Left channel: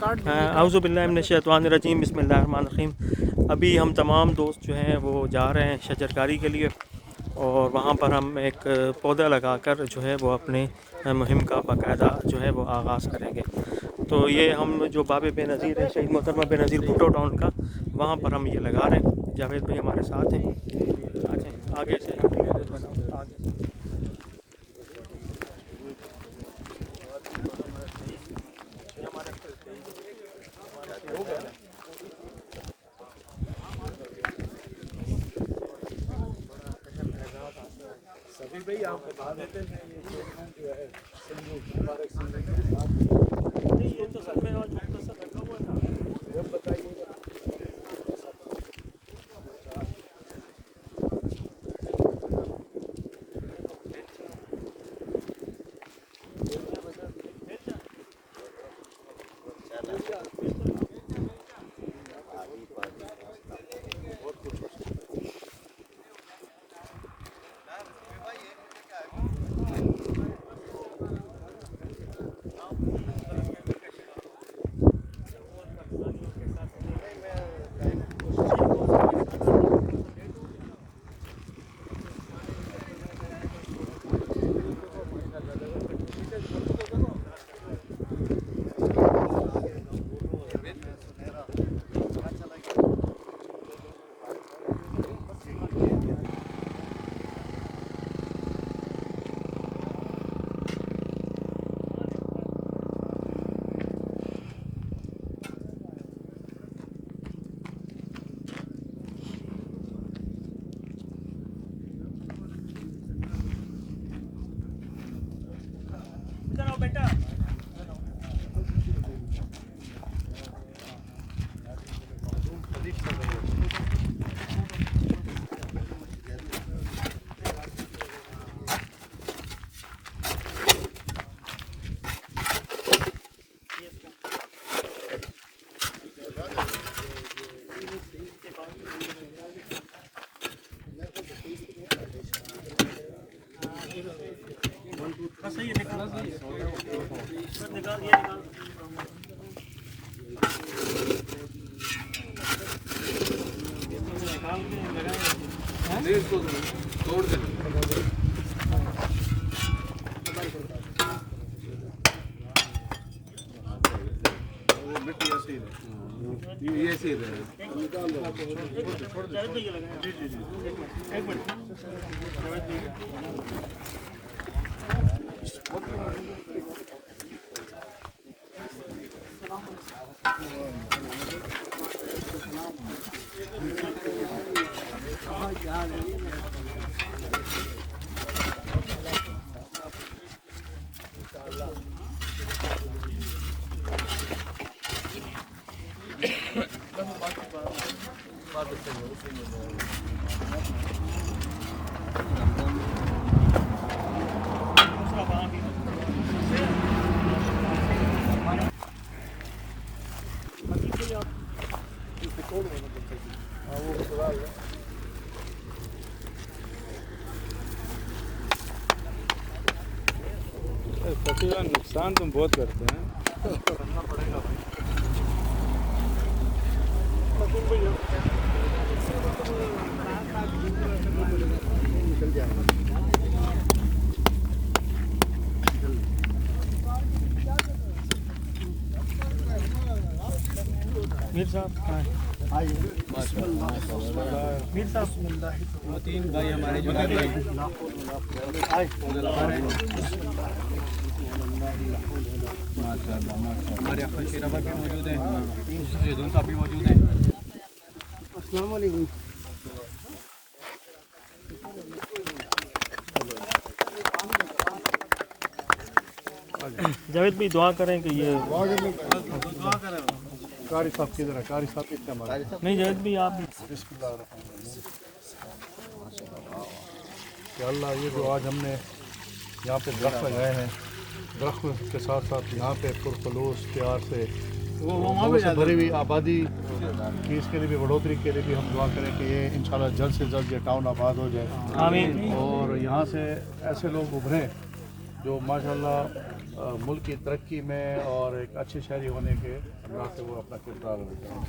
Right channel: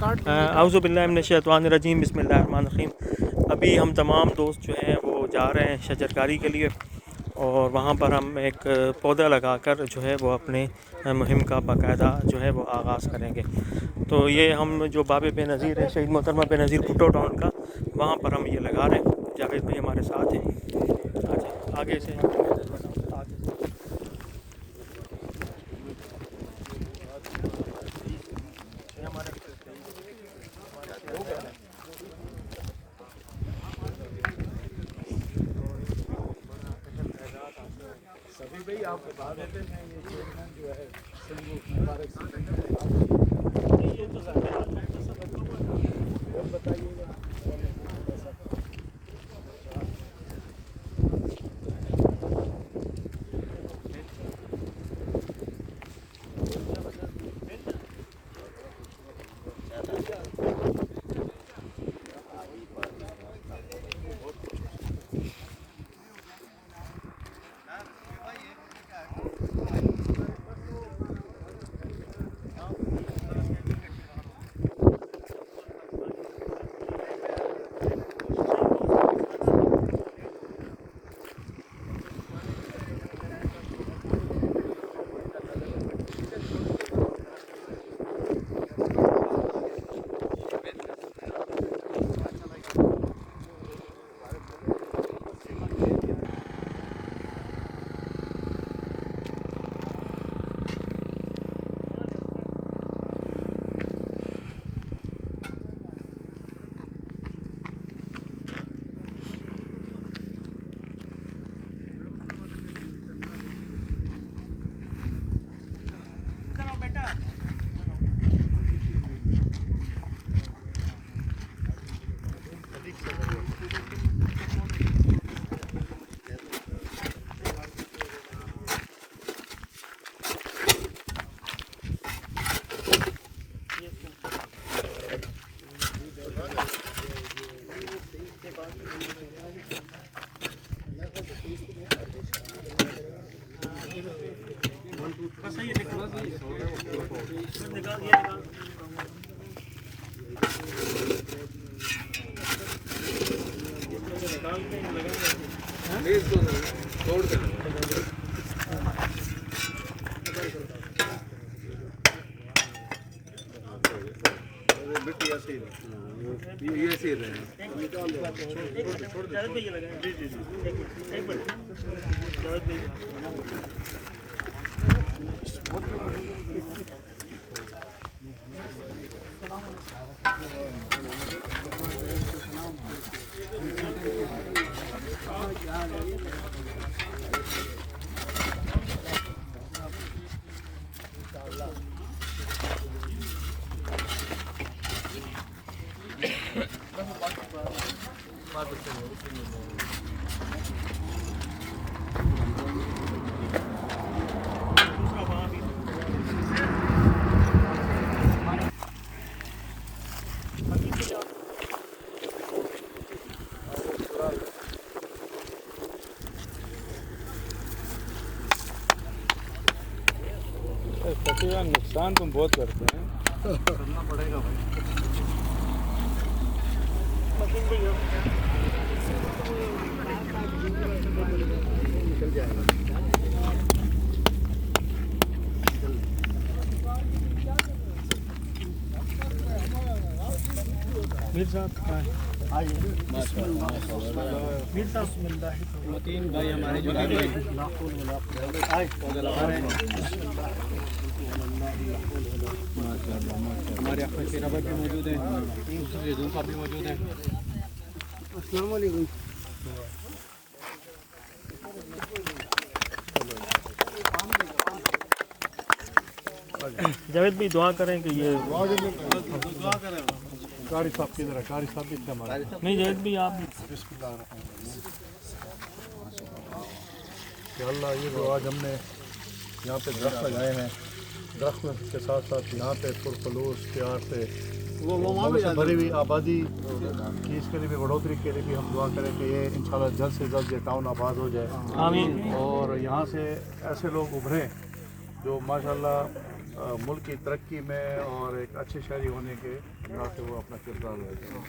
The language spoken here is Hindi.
आऊज़ु बिल्लाहि मिनश शैतानिर रजीम, बिस्मिल्लाहिर्रहमानिर्रहीम। अभी हम तमाम दोस्त जो हैं वो जा रहे हैं शजरकारी के लिए, और वहाँ पर हम एक पौधा लगाकर जो है वो अपने मुहिम का बाकायदा जो है वो आगाज़ करेंगे। तो ये हम जो बाबे बेनज़ीर है, शहीद मोहतरमा बेनज़ीर भुट्टो टाउन का, वहाँ पर हम ये लगा रहे हैं। जावेद भाई हमारे साथ हैं। आगे से सभी भाई आप बता देते हैं ये चेयरमैन जो है मुबारक ये तो वो बताइएगा। इसको तोड़ देना। वो बिट ऐसे ही ये ऐसे ही रहे। फटीवा नुकसान तुम बहुत करते हैं। करना पड़ेगा भाई। निकल जाएगा। मीर साहब आइए। मीर साहब तीन भाई हमारे जो हमारे अपने शेराबा भी मौजूद हैं, दूसरे साहब भी मौजूद हैं। अस्सलाम वालेकुम। जावेद भाई दुआ करें कि ये दुआ करें। कारी साहब किधर है? कारी साहब इतना नहीं, जावेद भाई आप अल्लाह ये जो आज हमने यहाँ पे दरख्त लगाए हैं, दरख्त के साथ साथ यहाँ पे पुरखलूस प्यार से वो भरी हुई आबादी की इसके लिए भी बढ़ोतरी के लिए भी हम दुआ करें कि ये इंशाल्लाह जल्द से जल्द ये टाउन आबाद हो जाए। आमीन। और यहाँ से ऐसे लोग उभरें जो माशाल्लाह मुल्क की तरक्की में और एक अच्छे शहरी होने के अल्लाह से वो अपना किरदार लेते हैं।